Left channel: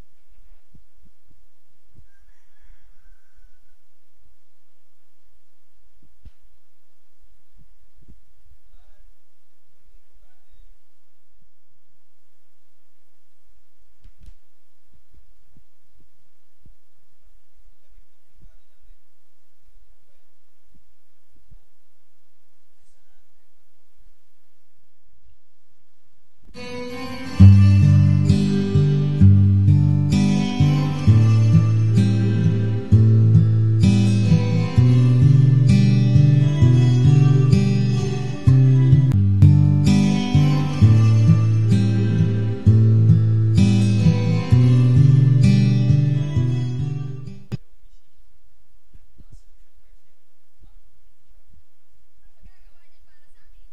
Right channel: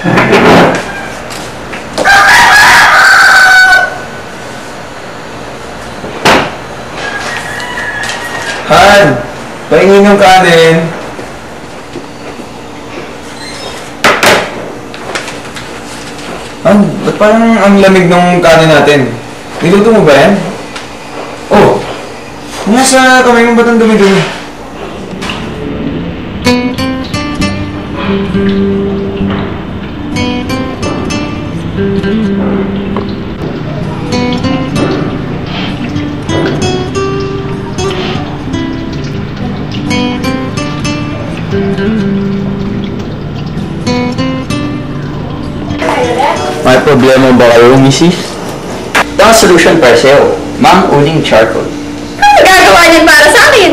Han, pahingin yung kanin. Han, ba't parang ang lamig ng kanin natin? Niluto mo ba yan? Oh, nasa kamay mo ba't ang dumi-dumi? May problema ba kayo, Mrs.? Ito ang solution para sa'yo. Mang-uling charcoal. Ano gagawa niyan para sa akin?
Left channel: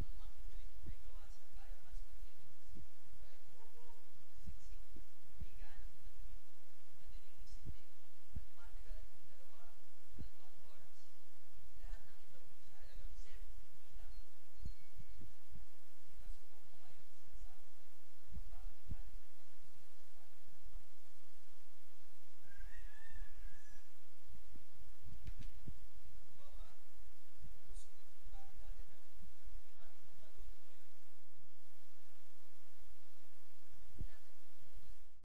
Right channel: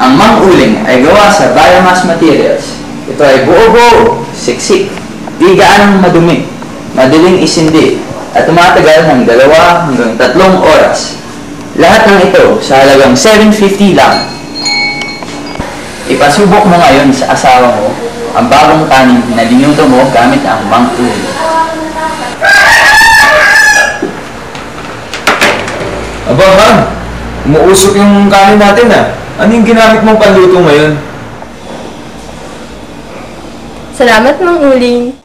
Ang mang-uling ay gawa sa biomass materials. Ito ay buo-buo, siksik, di gaanong madumi, madaling isindi, at tumatagal ng 2 hanggang 3 oras. Lahat ng ito sa halagang $7.50 lang. Ipasubok mo ngayon sa asawa mo ang bagong kanin na linuto mo gamit ang mang-uling. Aba, Han, umuusok yung kanin natin ah. Ano yung ginamit mong panluto ngayon? Salamat, Mang Uling.